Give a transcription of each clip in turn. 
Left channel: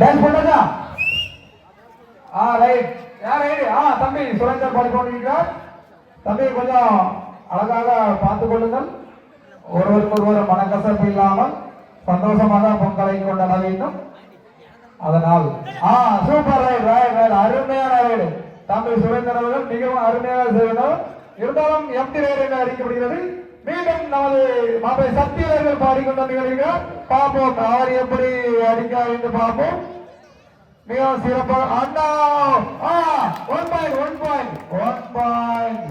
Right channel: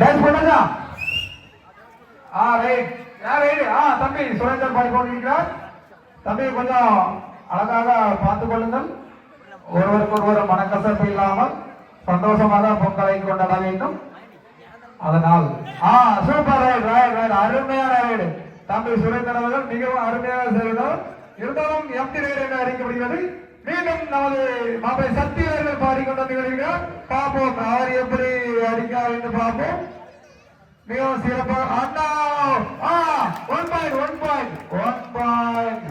Dance பண்ணாதா right right தம்பி சுரேந்தர் பாடிக்கொண்டிருக்கிறார். தம்பி கொஞ்சம் அழகாக பார்த்துக் கொள்ளுங்கள். ஒருவருக்கு ஒருவர் மனக்கசப்பு இல்லாமல் சந்தோஷமாக பொங்கலை கொண்டாட வேண்டும். அதனால் சூப்பர் ரைட் ரைட் ரைட் அருமையான ரைடு தம்பி சுரேந்தர் அவர்கள் மிகவும் அருமையாக செய்தார். இருந்தாலும் எம்டி ரைடு என்று அடிக்கப்படுகிறது. மீண்டும் நமது மாப்பை சக்தி அவர்கள் பாடிக்கொண்டிருக்கிறார். பார்ப்போம் அவர் எப்படி அடிக்கிறார் என்று பார்ப்போம். மிகவும் சிறப்பாக அண்ணா 1 point 1 point 1 point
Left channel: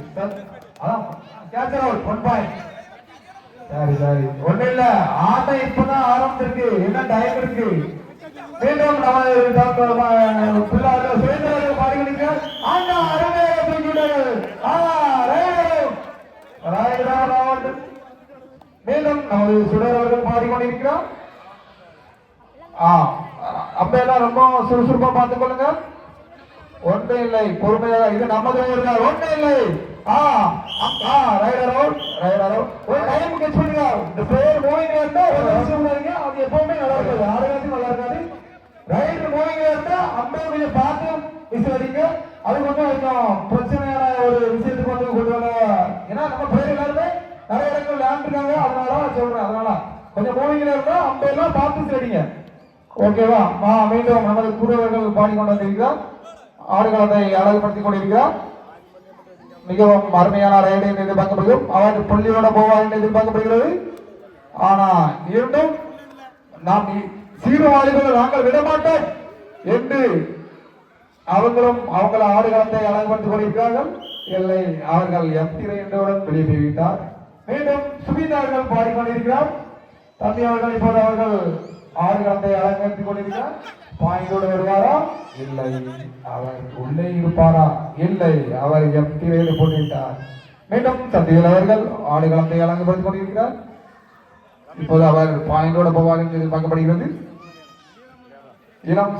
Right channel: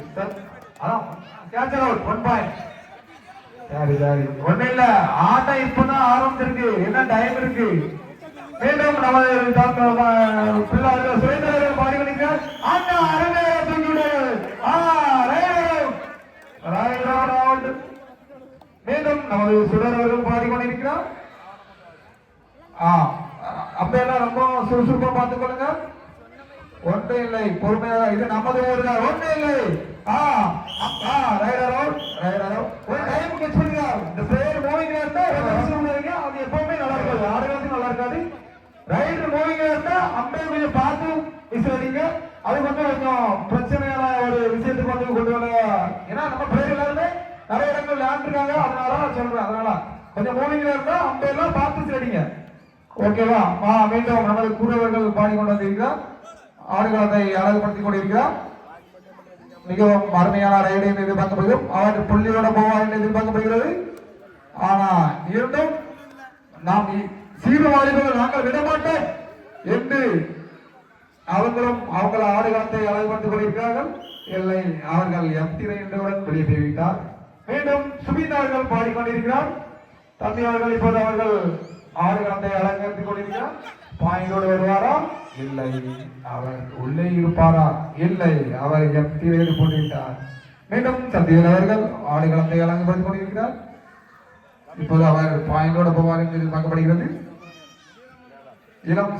catcher out 1 point. சரி சரி ஒண்ணு இல்ல ஆட்டம் இப்பதான் ஆரம்பிச்சிருக்கு. என்ன டைம் இருக்கு. மீண்டும் நமது பிள்ளைகள் சுரேந்திரர்கள் பாடிக்கொண்டிருக்கிறார். அண்ணா அருமையாக தூக்கிவிடுங்கள். மீண்டும் நமது சுடர்கள் பாடிக்கொண்டிருக்கிறார். அப்பெல்லாம் ரொம்ப சுறுசுறுப்பா பார்த்துக் கொள்ளுங்க. ஒன்றே இல்லை பொறுமையாக இது நமது ஊர்கள். ஒன்றே இல்லை ரைடர் அவுட் ரைடர் அவுட். ஒரு டைம் கெச் பண்ணுங்க. இந்த பிளேயர் மூவிங் இருந்தா அது எப்பவுமே நல்லா இருக்காது. ஆரோக்கியத்துக்கு நல்லா இருக்காது. ரைட் மூவிங் இருந்தா அம்பையர் கொஞ்சம் பார்த்து விசிலடிங்க. அது கொஞ்சம் பிரச்சனையான ஒரு விஷயத்துக்கு வந்து கொண்டு வர. ஏன்னா நம்ம பிளேயர் எல்லாருமே நிறைய இடங்கள் விளையாண்டுருக்காங்க. அதனால சொல்றேன். அதனால கொஞ்சம் மூவிங்ல இருந்தா அம்பையர்லாம் பார்த்து விசிலடிங்க. ஓகேவா? மீண்டும் நமது கூடவர்கள் பாடிக்கொண்டு வந்திருக்கிறார். ஆடுகளத்தை அழகுபடுத்திக் கொண்டிருக்கிறார். மிகவும் அருமையான ரைடு என்று எதிர்பார்க்கப்படுகிறோம். அவர் புள்ளியோட போவார் என்று எதிர்பார்க்கப்படுகிறது. ஆனா இருந்தும் நாம் சீர்வாளிகளை நாங்கள் விடமாட்டோம் என்று அவங்களும் அவங்கள ஆடுகளத்தை அழகுபடுத்திக் கொண்டிருக்கிறார்கள். இல்லை அவர்கள் எம்டி ரைடுடன் வெளியேறிவிட்டார். மீண்டும் சுபிதார்கள் பாடிக்கொண்டிருக்கிறார். தம்பி அவர்கள் இப்போது அவர்கள் ஆடுகளத்தை அலங்கரித்துக் கொண்டிருக்கிறார். பாயிண்டோடு வருவாரா? இல்லை. அவர் உள்ளே இருப்பாரா? இல்லை. அவர் எம்டி ரைடு போட்டுவிட்டார். மீண்டும் சத்தியவர்கள் ஆடுகளத்தை அலங்கரித்துக் கொண்டிருக்கிறார். இப்போது அவர் பாயிண்டோடு போவார் என்று எதிர்பார்க்கப்படுகிறது. இளம்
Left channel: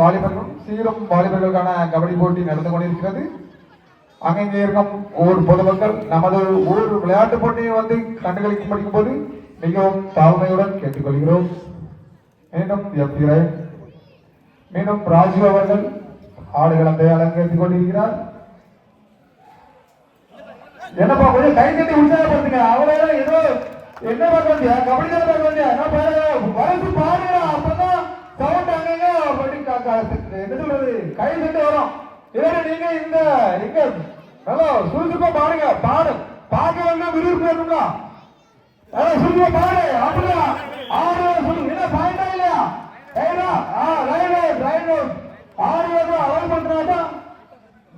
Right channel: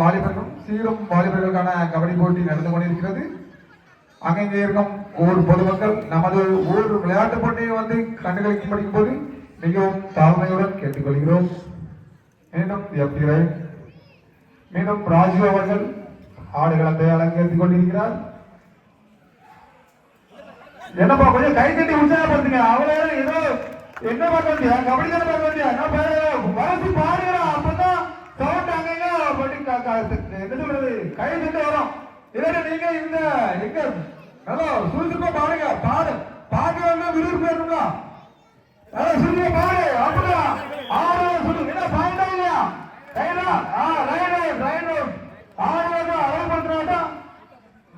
வாலிபர்களும் சீரும் வாலிபர்களுக்கான கபடி போட்டி நடந்து கொண்டிருக்கிறது. அங்கே இருக்கும் ஊர் பொதுமக்கள் நமது ஊர் விளையாட்டு போட்டியை வந்து கண்டுகளிக்க படிக்கும் போது மிகவும் தாழ்மையுடன் கேட்டுக்கொள்கிறோம். மீண்டும் எம்டி ரைட். மீண்டும் ராஜு அவர்கள் ஆடுகளத்தை அலங்கரித்துக் கொண்டிருக்கிறார். என்னப்பா கொஞ்சம் கை தட்டி உற்சாகப்படுத்துங்க. அவங்களே ஏதோ என்ன பண்றது கபடி தான் பண்றது வளர்த்து பாடுங்க. அப்பதான் சவுண்ட் அங்கங்க என்ன சொல்றது கை தட்டி வரும். இல்ல நீங்க இந்த எங்க நல்லா சுறுசுறுப்பா பாடுங்க. பாட வேண்டாம் விறுவிறுப்பு வேணும்னா சுறுசுறுப்பா பாடு. அப்படியா ஆடு சொல்லுங்க. என்ன பாடுங்க இல்லையா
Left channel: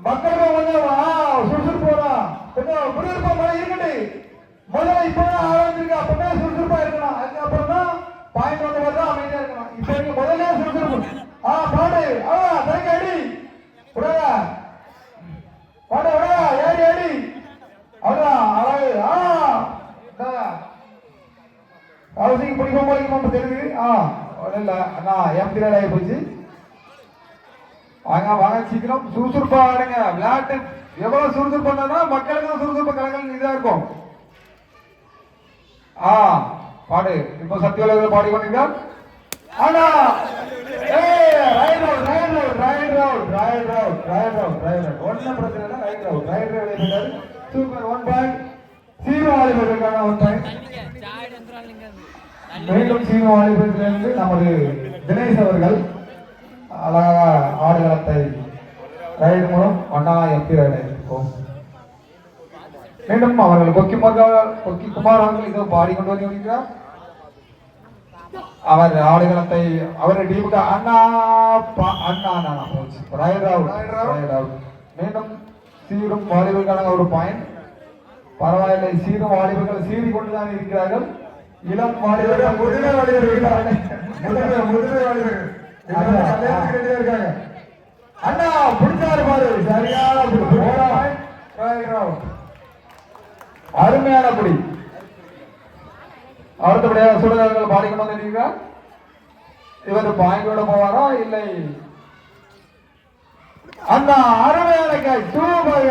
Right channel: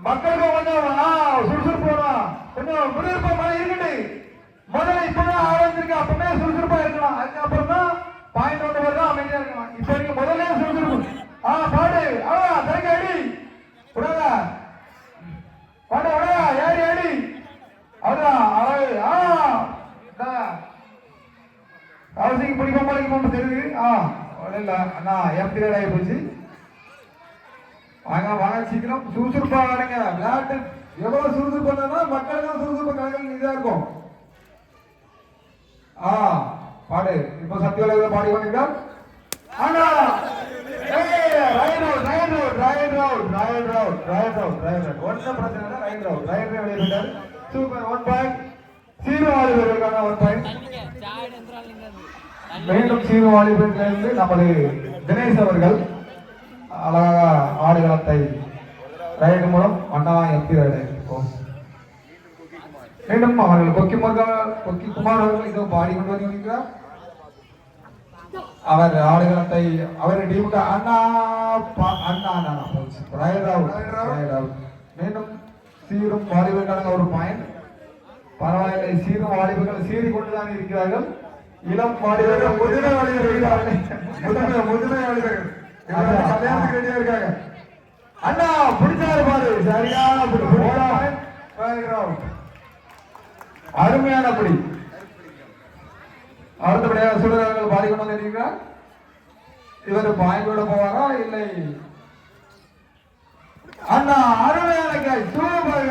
மக்கள் கொஞ்சம் சுறுசுறுப்போட கொஞ்சம் விறுவிறுப்பா பாடு இருக்கட்டு. முதல்ல இப்பதான் ஆரம்பிச்சிருக்க. அப்பவே சுறுசுறுப்பா இருக்கலாம். அதுக்கப்புறம் தான் பாயிண்ட் ஒன்று வரலாம். அமைதியா இருக்கலாம். இப்ப நீங்க முதல்ல சுறுசுறுப்பு பாடு. தரங்க அடி பாடு ஏடி ஏடி அவசியம் பிடிக்காம தெரியுது. எம்டி ரைட் ஆகி போச்சு. வாங்க சீக்கிரம் சுறுசுறுப்பா ஆடுங்க. விளையாட்டு எவ்வளவு சுறுசுறுப்பு பண்ணா மக்களுக்கு சுறுசுறுப்பு கணக்கு இதா இருக்கும். பாடு. இப்போ சத்தியவர்கள் பாடிக்கொண்டிருக்கார். நமது தினேஷ் அவர்கள் அழகா ஆடுகளத்தை ரைடு மூலம் எம்பி மீண்டும் அவர்கள் கொக்கி குமார் அவர்கள் இதோ பாடிக்கொண்டு வருகிறார். அவர் ஆடுகளத்தை அவர் டீமுக்கு அண்ணா போச்சு. மீண்டும் சீரும் வாலிபர்களுக்கான ஒரு பாயிண்ட். பரவாயில்லை. சீரும் வாலிபர்கள் சீறி கொண்டுதான் இருக்கிறார்கள். இளம் வாலிபர்கள் முதிரை வாலிபர்கள் அண்ணா பிடிச்சாரு பாரு. சரியான அருமையான புடி. அடுத்தபடியாக சுடர்கள் பாடிக்கொண்டு வந்திருக்கிறார். இவர் பாயிண்டோட போவாரா? இல்லை. அண்ணா அருமையான கேள். Super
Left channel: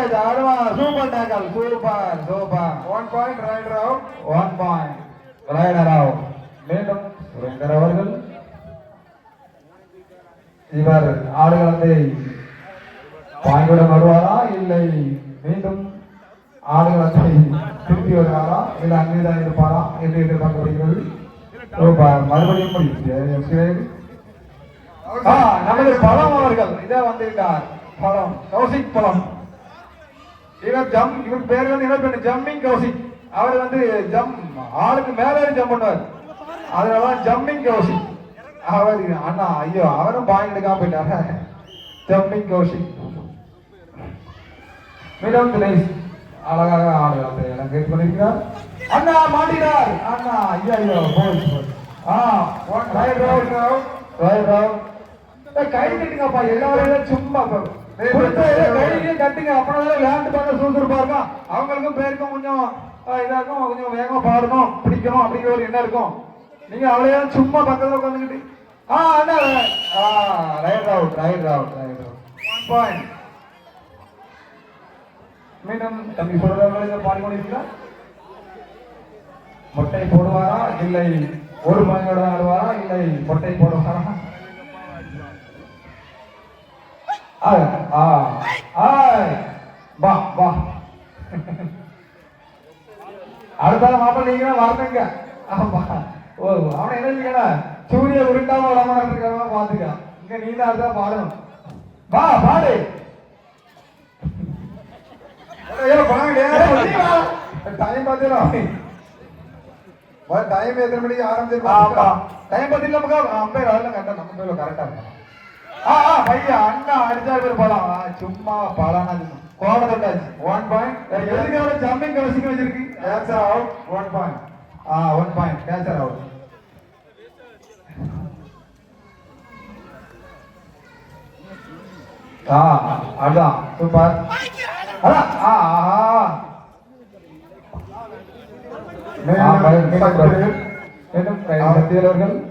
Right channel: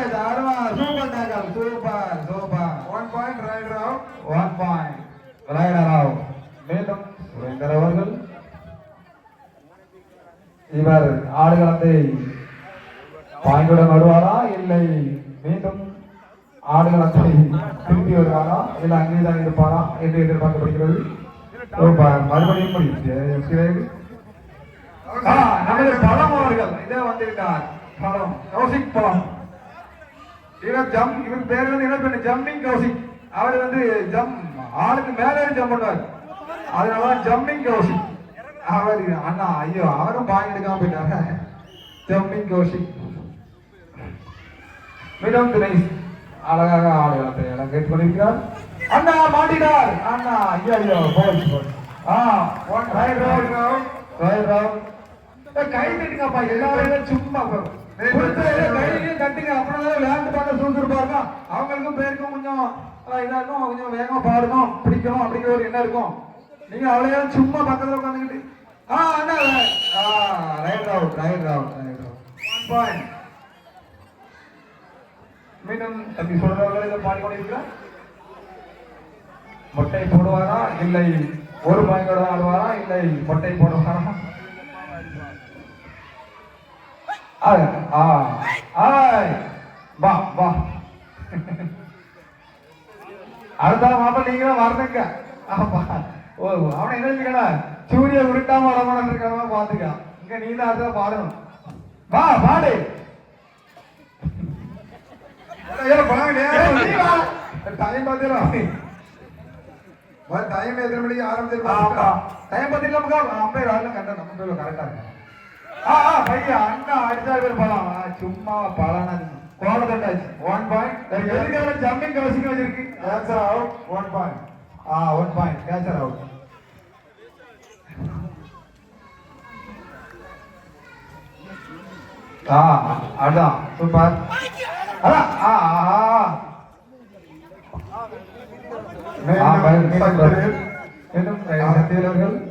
super டாக்கல். Super 1 point rider out. 1 point rider out. மீண்டும் சுரேந்தர் அவர்கள் இவர் ஆடுகளத்தை பாய்விட வருவாரா இல்லை மீண்டும் ஆடுகளத்தை திருப்பி வருவாரா இல்லை அங்கேதான் இருப்பாரா என்று எதிர்பார்க்கப்படுகிறது. மறுபடியும் நமது பழம் அவர்கள் இதே வந்திருக்கார். பழம் கௌசிக் பழம். இவர் பேர்ல என்ன ஜம்பிங் கௌசிக். அவர் வந்து ஆளுக்கு மேலே ஜம்ப் பண்ணுவார். அதனால ஜம்பிங் கௌசிக். அவர் அண்ணா ஐயோ அவரும் பாயிண்ட் எடுக்காம போயிட்டாங்க. ஜம்பிங் கௌசிக் மிடம் திரேஸ் அழகாக ஆடுவார் கேட்டு பண்ணிருக்கிறார். அண்ணா மாட்டினார். அண்ணா ஐயோ போலீஸ் கை கட்டுங்கப்பா. எல்லாரும் சும்மா கையிலையும் கட்டுங்க. அப்புறம் விளையாட்டு பார்க்க சுறுசுறுப்பா இருக்கும். அவங்களுக்கும் பேருக்கும் கொஞ்சம் இதா இருக்கும். கொஞ்சம் வேகமா பாடணும் பிடிக்கணும் அப்படிங்கிற ஒரு எண்ணம் இருக்கும். நீங்க அவ்வளோ சும்மா பக்கத்துல உட்காந்துக்கிட்டு அண்ணா right out right out right out point. மீண்டும் தம்பி சொல்றவங்க பாடிக்கொண்டிருக்கீங்களா? மொட்டை போடுவாரா இல்லை ஒரு மகள ஆடுவாரா இல்லை மொட்டை போடுவாரா? அடுத்த மாப்பிள்ள நீங்க மறந்துங்க. அவனை என்ன சூரிய உருட்டாம வளர்ந்து பாத்துக்க. இங்க நீ தான் அடுத்த பாடணும். வா பாடு டைம் பார்த்துடும். டைம் எத்தனை மணிக்கு ஆரம்பிச்சிருக்கா? டைம் பார்த்துட்டு நமக்கு அம்பையர் ஆடலாம் கரெக்டா நம்ம பேர்ல கரெக்டா இருக்கும். பையன் அண்ணா அடிச்சா பேர் பழம் சும்மா பழம் கோலத்தட்டாச்சு 1 பாயிண்ட். எதுக்கான ஜம்பிங் கவசிக்க வச்சிருக்கு. Cancer out 1 point. 1 point cancer out. அதான் சூப்பர்.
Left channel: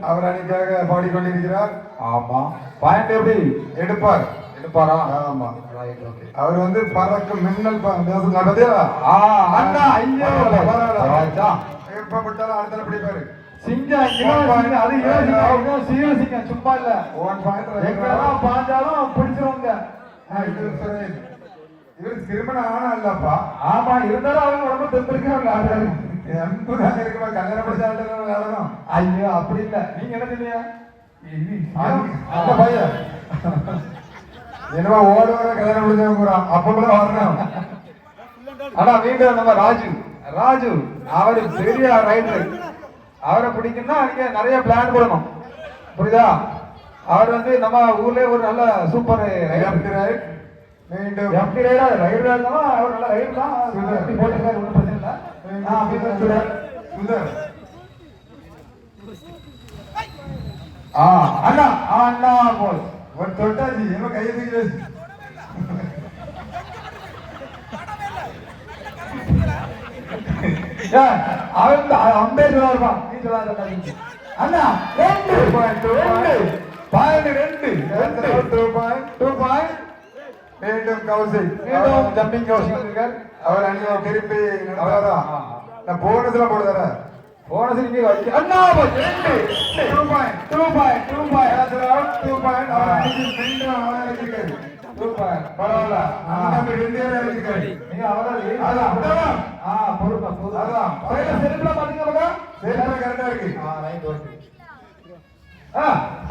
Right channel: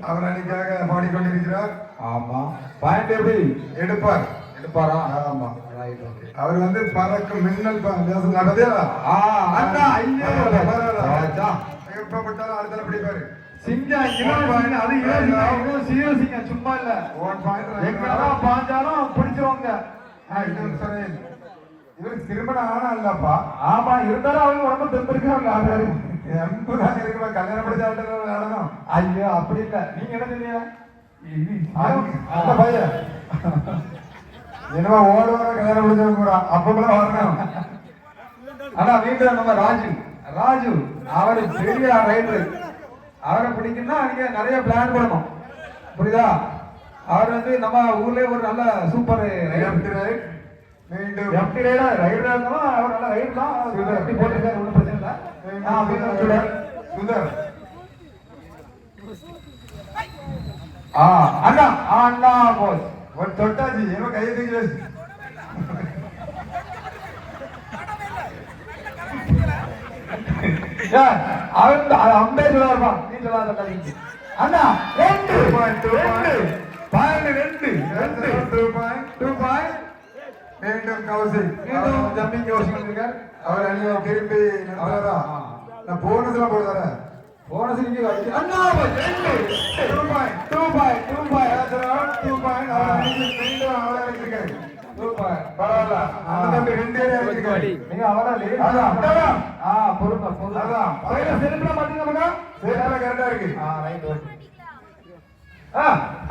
அவர் அன்னைக்காக பாடிக்கொண்டிருக்கிறார். ஆமா பாயிண்ட் எப்படி எடுப்பார் எடுப்பாரா? ஆமா அவர் வந்து பறக்கும் மின்னல் ஏற்பட்டாலும் அடுத்த பிடிப்பாரு. சிங்கம் சிங்கம் சும்மா இல்ல. 1 பாயிண்ட் பாஞ்சாலும் பிடிச்சிருவாங்க. இவர் திருமணம் ஆனா இல்லப்பா. ஆமா இருந்தாலும் அவங்க ரொம்ப தெரிஞ்சிருக்காங்க. கல்யாணம் படிச்சாலும் ஐயோ அப்படி இல்ல. நீங்க என்ன சொன்னீங்க? பையன் என்னவோ ஓட கல்யாணம் முடிச்சாங்க அப்ப கூட வரணும். ஆனா மீண்டும் நம்ம ராஜு அவரு பெரிய ரைடர். அவரை பிடிக்குன்னா நீங்க நிறைய பிளான் போடணும். புரியுதா? அவர் வந்து நம்ம ஊர்லயே ஒரு நல்ல சூப்பர் ரைடர். அவர் அணியை திருப்பி போனஸ்ல போடுறார. போனஸ் நீங்க அண்ணா 2 பாயிண்ட் பரவாயில்ல. அந்த ரெண்டு இருக்கு. நீங்க அவரே பொறுப்பு அதான் செல்ஃப்ல பண்ணிக்கோங்க. செல்ஃப்ல கரெக்டா இருக்கு. Right right.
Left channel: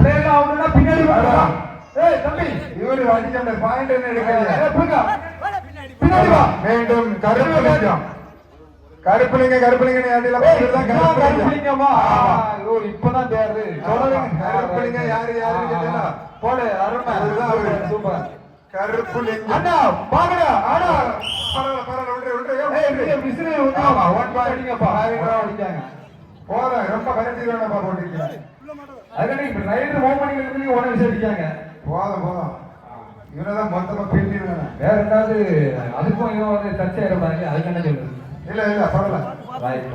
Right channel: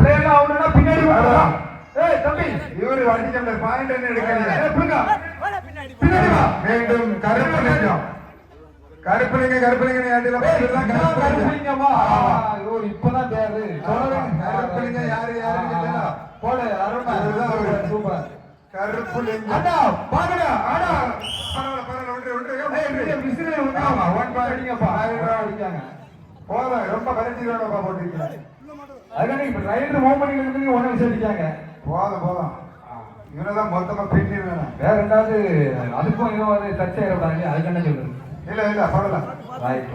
பிரேமா அவனோட பின்னாடி வரலாம். ஏய் தம்பி இவரு அடிச்ச பாயிண்ட் என்ன எடுக்கலையா? புங்க பின்னாடி வா. மீண்டும் கருப்புலிங்க அடியில போடுறதான் கருப்புலிங்கமா. ஐயோ இப்பதான் தேர்வு கருப்புலிங்க யாரு தெரியல. போடு அருமை சூப்பர் கருப்புலிங்க. அண்ணா பாருங்க அண்ணா பரவாயில்ல விசிறி ஆமா 1 பாயிண்ட் அடிங்கப்பா. அடிக்காங்க போற ரொம்ப கரெக்டா போட்டுருக்கீங்க. அங்க ரைட் ஓபனிங் இருக்கு 1 விசிறி அடிக்காங்க. போதும் இவனதான் மொத்தமா பெண்டிங். வேற ஏதாவது அதுக்கும் இவன் வந்து சர்ச்சை ஆயிடுறாங்க. அதுக்கு என்ன சொல்றது? இல்ல பரவாயில்ல. Right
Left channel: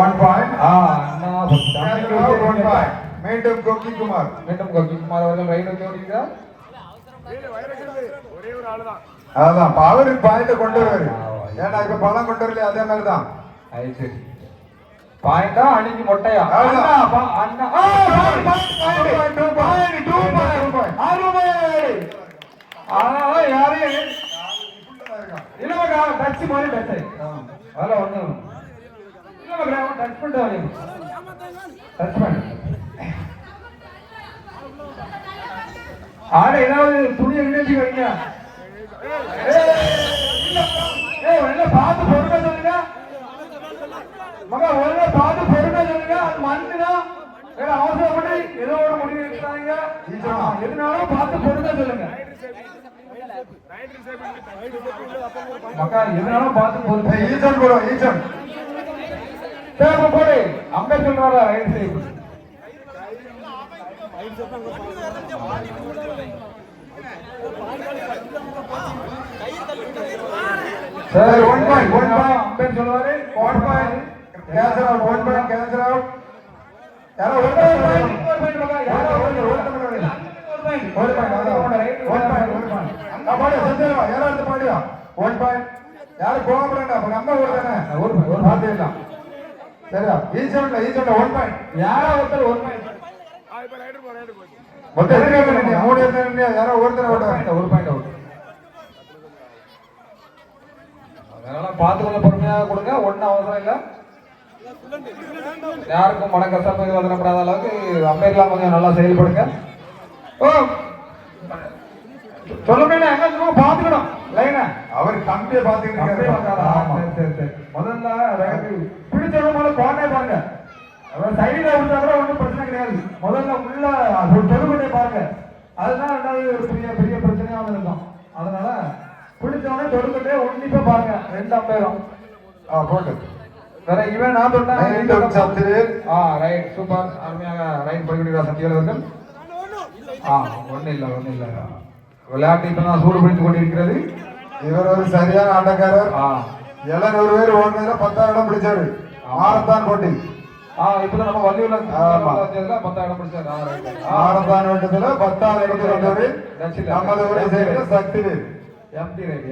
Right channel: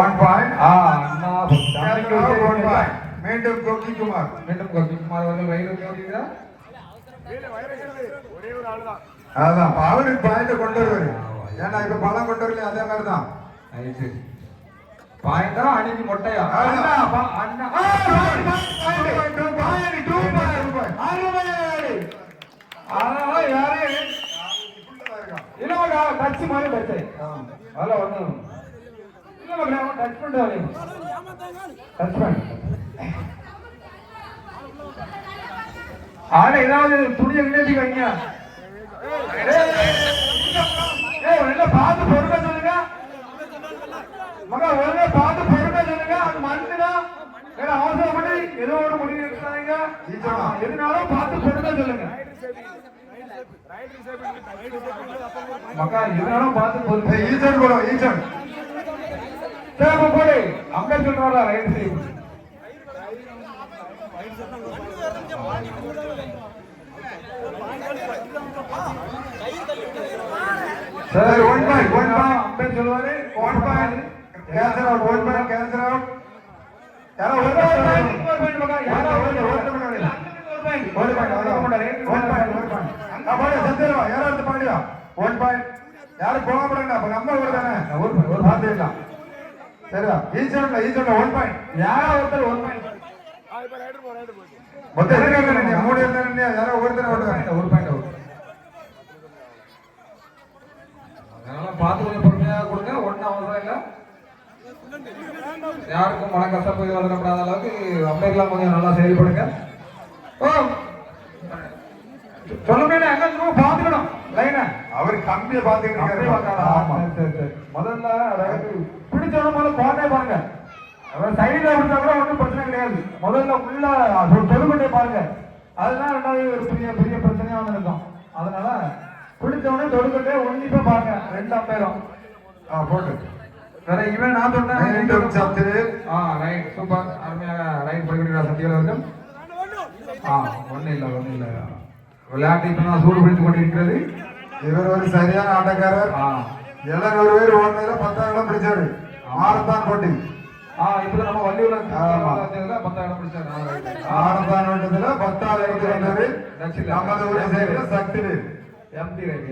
1 point. அண்ணா 1 பாயிண்ட். மீண்டும் கோகிக்குமார் அவர்கள் ரைட் ஓடிக்கிறார். அதான் அவருக்கு பாயிண்ட் கொண்டு வருவாரு. ஏன்னா இப்ப பழம் கொண்டு வரல அதே மாதிரிதான். பாயிண்டா அன்னைக்கு மொட்டையா அண்ணா அண்ணா யாரையும் இல்ல டச் மாதிரி டச் அதெல்லாம் ஒண்ணு இல்ல டச் பண்றாரு டச் பண்ண ஆனா ஏதாவது துணியை விழுந்து வைங்க என்ன பார்த்து பொறுமை சொல்லுங்க மகா ஒழுங்கா பார்த்து பொறுமை சொல்லுங்க அது மண்ணுதான் ஏன்னா அவசரப்பட்டு ஏதோ ஒரு முடிவு எடுத்தாங்க எதுனாலும் பார்த்து பொறுமை சொல்லுங்க மக்கா எதுனாலும் பார்த்து பொறுமை ஈசன் போறோம் ஈசன் சரி போடு அம்பேத்கர் வர ரைட் சைடு சரி 1 பாயிண்ட் அம்பேத்கர் சொல்லுவாரு 1 point cancel out 1 point cancel out யாரோ 1 பாயிண்ட் மகா யாரோ 1 பாயிண்ட் 1 பாயிண்ட் அங்க பாரு சந்தேரா யாரோ அந்த பாடியா 1 பாயிண்ட் யாரு கோவப்படல அப்ப நம்ம ஒரு தானே ஒரு பாத்தீங்களா சரியா ஈச்சன்ல 1 பாயிண்ட் யாரோ ஒருத்தர் 1 பாயிண்ட் மொத்தம் எத்தனை மூணு இருந்தா யாரோ ஒருத்தர் ஓடுவாங்க 1 பாயிண்ட் அவுட் அதனால பார்த்து கொஞ்சம் பொறுமையாக கொடுங்க ஒன்றும் அவசரம் இல்லை யாருக்கும் மனக்கசப்பு வந்துடப்படாத அளவுக்கு அம்பேத்கர் கொஞ்சம் நல்லா செயல்படுங்க ஓ சொல்லுங்க எங்க சும்மா பார்த்துக்கணும் இல்லைங்க அவர் கம்பியை பார்த்துக்கிட்டு சரி சரி முதல்ல பிடிச்சவங்க முதல்ல போனே பாருங்க அவர் சைடில் இருந்தா கூட ஒன்றும் பிரச்சனை கிடையாது முதல்ல உள்ள பொறுமையை பாருங்க அதுதான் ரெண்டாவது ஒரு பெரிய பெரிய பிரச்சனையாக இருக்கும் அதனால பிடிச்சவங்க தொடுக்கிட்டே ஒன்றிப்பா பாருங்க 2 அம்பேரும் போட்டு வேற இவன் நான் சொன்னேன் ரைட் சூப்பர் அருமையாக ரைட் போய்விடுகிறார் சத்தியல் அவர்கள் ஒன்றும் இல்லை விளையாட்டு இப்போ நான் சூடு பிடித்துக் கொண்டிருக்கிறது இவர் ஒரு சரியான ஆட்டக்காரர் 700 பேர் ஓடுனதுல 10,000 இடம் பிடிச்சாரு மாரத்தான் போட்டி இப்ப நம்ம வள்ளியூர்ல 10,000 இடம் பிடிச்சாரு மாரத்தான் ஓட்டத்துல 10,000 இடத்துல வந்தவர் நமது ஊரை சேர்ந்த சக்தி எம்டி ரேட்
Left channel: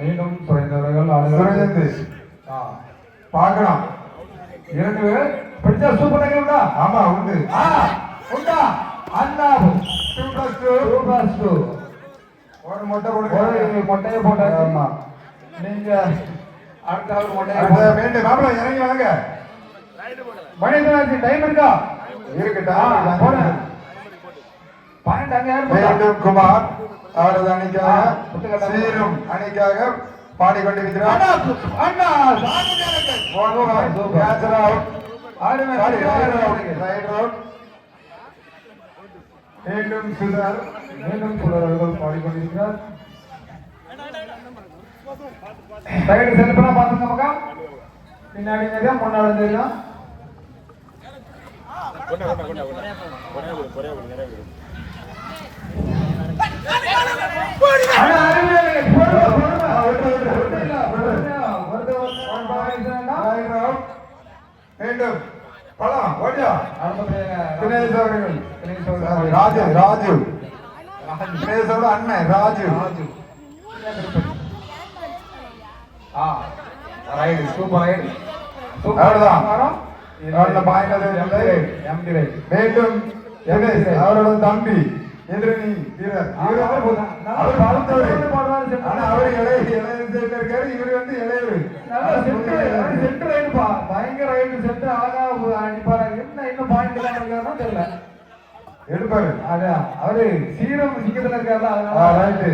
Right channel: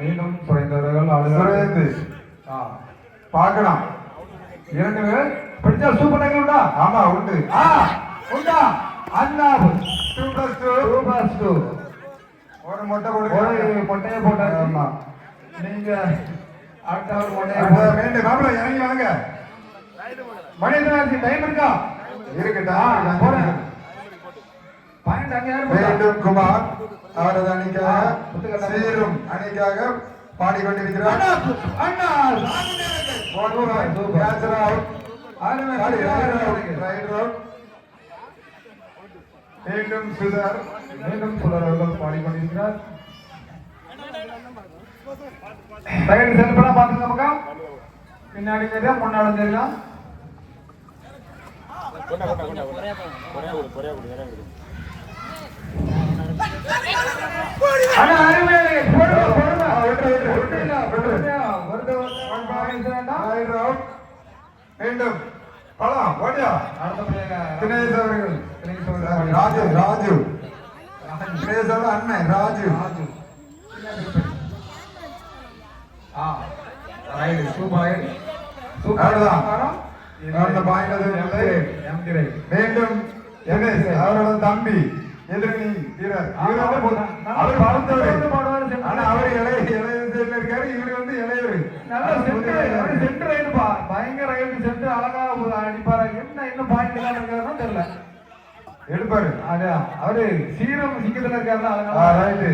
மீண்டும் சுரேந்தர்கள் பார்க்கலாம் 2 பேர் பிடிச்சா சூப்பர் உண்டா ஆமா உண்டு உண்டா அண்ணா 2+2 ஒரு மொட்டையை போட்டாங்க ஆமா நீங்க அடுத்த ஒரு மொட்டையை வேண்டிய மாப்பிள்ள இறங்கி வாங்க மணியன் டைம் இருக்கா இருக்குடா போறேன் பாயிண்ட் அங்க யாரு குமார் அவரது அணிக்காக சீரும் அணிக்காக பாடிக்கொண்டிருக்கிறார் மீண்டும் சுதர் பாடிக்கொண்டிருக்கிறார் பாத்துக்கோங்க பின்னாடி முன்னாடி தெரியலாம் ராஜு அண்ணன் ராஜு மீண்டும் அவரோட தம்பி எதிரணி வீரர் இவர் வந்து இளையவர் பயங்கர எடுப்பாரு அவரு சீரம் சிங்கத்துல இருக்காரு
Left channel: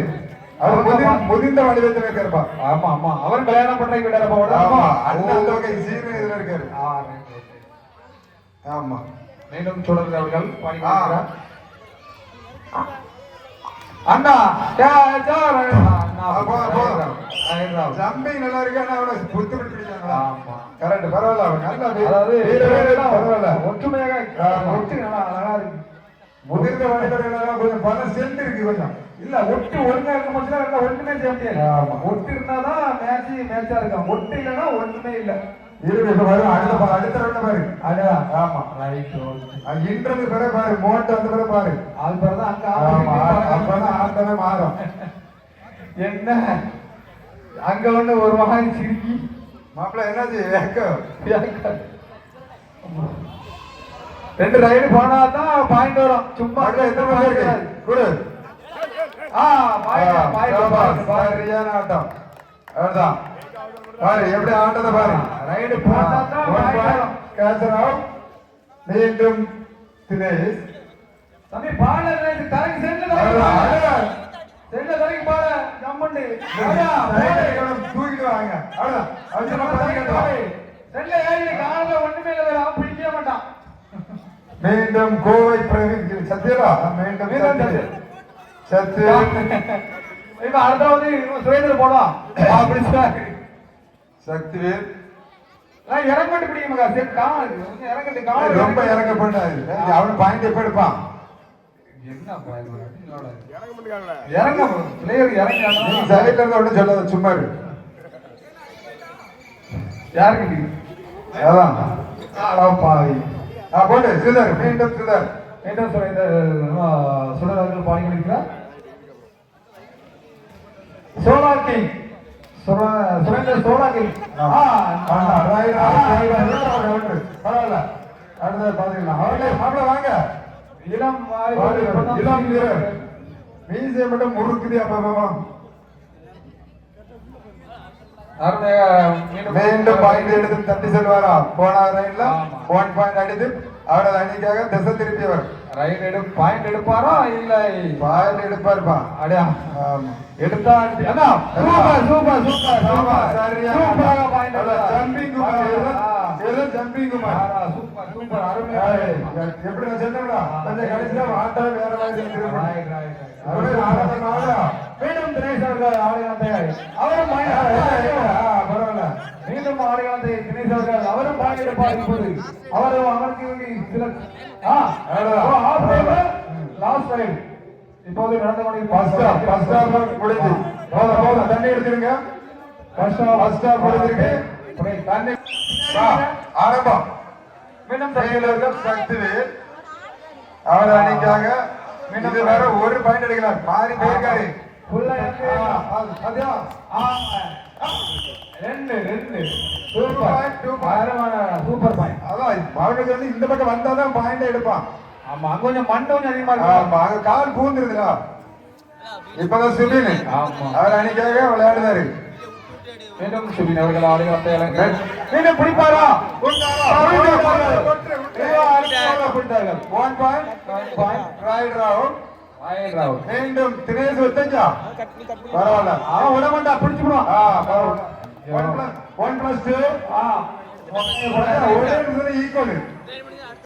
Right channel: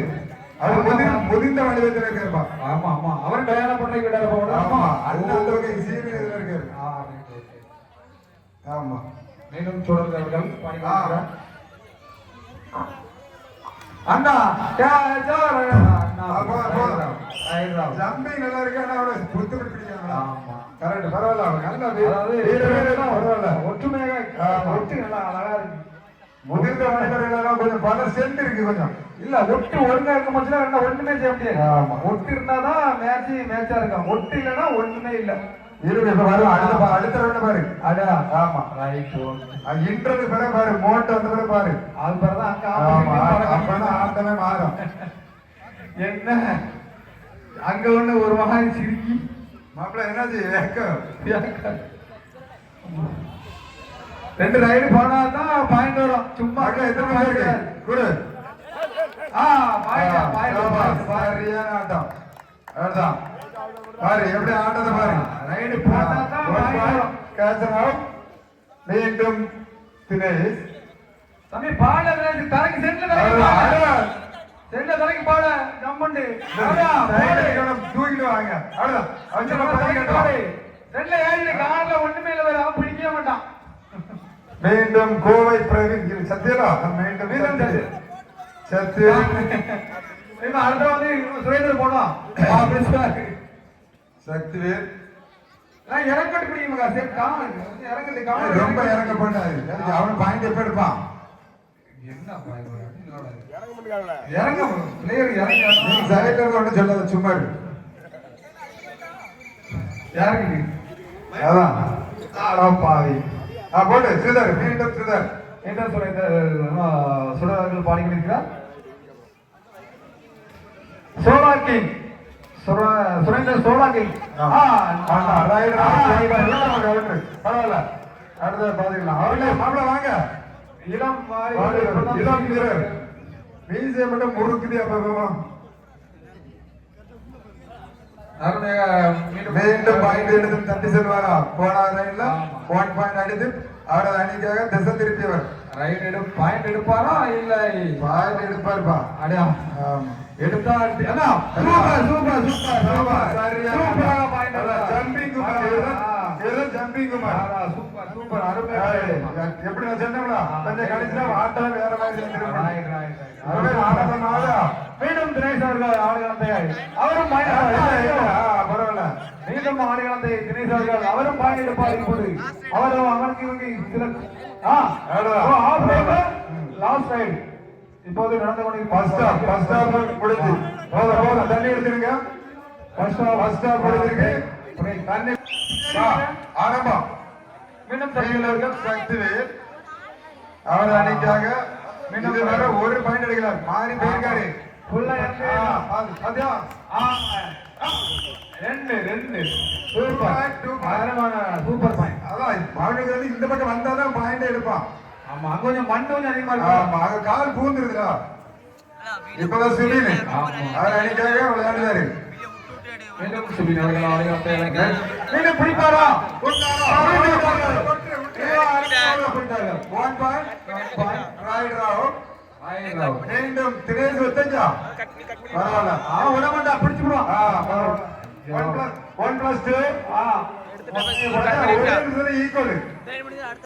அவர் முதிர்ந்த வடிவத்தில் இருக்காருப்பா ஆமா ஆமா அவர் கல்யாணம் பண்ண விடாருப்பா ஆமா அண்ணன் சீரம் இதுல இருக்காரு ஆமா மீண்டும் தொடர்ந்து அவர்கள் பாடிக்கிறார் அண்ணா ஜம்பிங் நல்லா இருக்கு ஆனா அவனை புத்து பிடிக்கிறாங்க கரெக்ட் பரவாயில்ல பரவாயில்ல ஒற்றுமையாக ஒட்டு நல்லா இருக்கு முதிர்ந்த வயதிலாம் கொஞ்சம் பல சென்ட் இருக்கு கொஞ்சம் இல்ல ஒட்டு ஒழுங்கா இருக்க மட்டும் ஒண்ணுமே செய்ய முடியாது ஒட்டு இருந்தாதான் மேட்சா இருக்கும் ஒட்டு இல்லைன்னா ஒண்ணுமே இல்லை அடுத்த பாரு அதான் ஆமா இன்றது பிறகு பாரு மோட்டை வந்த பிறகு பாரு அது பிறகுதான் மாதம் என்ன அங்க ஒண்ணு ஒரு மகான் சிரிக்கி மாப்பிள்ள என்னாச்சு ரெண்டு ரைடு போனா தான் பாயிண்ட் வரும். சும்மா எத்தனை பாயிண்ட் குடு சரியான ஆட்டம் அவ்வளவுதான் பாரு எப்படி ஆட்டத்தை பாரு ரைடு போனா தான் கேட்சர் அவுட் மீண்டும் தினேஷ் தம்பி பாட தலைக்கு செல்ல தலைக்கு பாட நம்மண்டு தூக்கிட்டு வாங்க செல்ல ஏறி கால ஒண்ணுமே இல்லை பிடிக்க மாட்டான். மீண்டும் கோவை பிரவீன் சத்யரா மீண்டும் சத்யா இப்ப அடுத்தாவது சுரேந்திர போனோம் சக்திவேல் இறங்கிட்டு பிடிக்குமா இறங்கிட்டு ரொம்ப இறங்க பண்ணாது அவனு பாயிண்ட் எப்ப எடுப்பான் இறங்க பிளேயர் நீ சைட்ல இருந்து ஒன்றும் சொல்லாத சும்மா இருக்கு யாருக்கு அதான் பாவி போட்டு ஸ்ரீதர் மீண்டும் ஸ்ரீதர் என்ன சுடரார்கள் பாடிக்கிறார் சோலாக்கி சுரேந்தர் சோலாக்கி பரவாயில்ல அடுத்த பாத்தீங்களா அவனே வாங்க இளம் வீரர் மீசை மட்டும் முறுக்குது அப்ப மீண்டும் பாயிண்ட் எடுத்து தட்டி செல்வாரா போன ரைட்ல 1 பாயிண்ட் அடித்து அவரது அணிக்காக திசை திருப்பியவர் ரைட் பாயிண்ட் எடுப்பாரா இல்ல பாயிண்ட் எடுப்பாருப்பா அடையா எடுத்தா அண்ணா super super super super super point jumping jumping super super அருமை எப்படி நான் சொன்னேன்னா அந்த கடைசியில ஆட்டா வேற மாதிரி மீண்டும் தினேஷ் அவர்கள் ஆடுகளத்தை அவரும் பரவாயில்ல மீண்டும் ஆடுகளத்தை தினேஷ் அவர்கள் அவரும் பாடியிருப்பார் அவரும் அமர்த்தி சில லாஸ்ட் ரைட் இப்போது நடந்து கொண்டு ஃபர்ஸ்ட் ஹாஃப் முடிஞ்சு தண்ணி எடுத்துருங்க ஃபர்ஸ்ட் ஹாஃப் முடிஞ்சிருக்கு தண்ணி ஆரம்பம் மீண்டும் சக்திவேல் அவர் அன்னைக்காக மீண்டும் வர ஒரு பாயிண்ட் எடுக்கிறார் மாறி போயிருக்காரு சூப்பர் பாயிண்ட் அதான் அவனுக்கு வந்து இந்த பக்கம் வந்தாதான் பாயிண்ட் எடுப்பான் ஆமா அங்க கொஞ்சம் மண்டை கொஞ்சம் அதிகமா இருக்கு அங்க கால் பூந்துருதுல இப்பதான் சுபின் அவர் அன்னைக்காக விளையாடுறாரு மீண்டும் சுபின் அவர்கள் ஆடுகளத்தை மீண்டும் பிடிப்பாரா மீண்டும் தினேஷ் வச்சா பரவாயில்ல அவன் விட மாட்டா பிடிச்சுடுவான் 1+2 ஈக்குவல்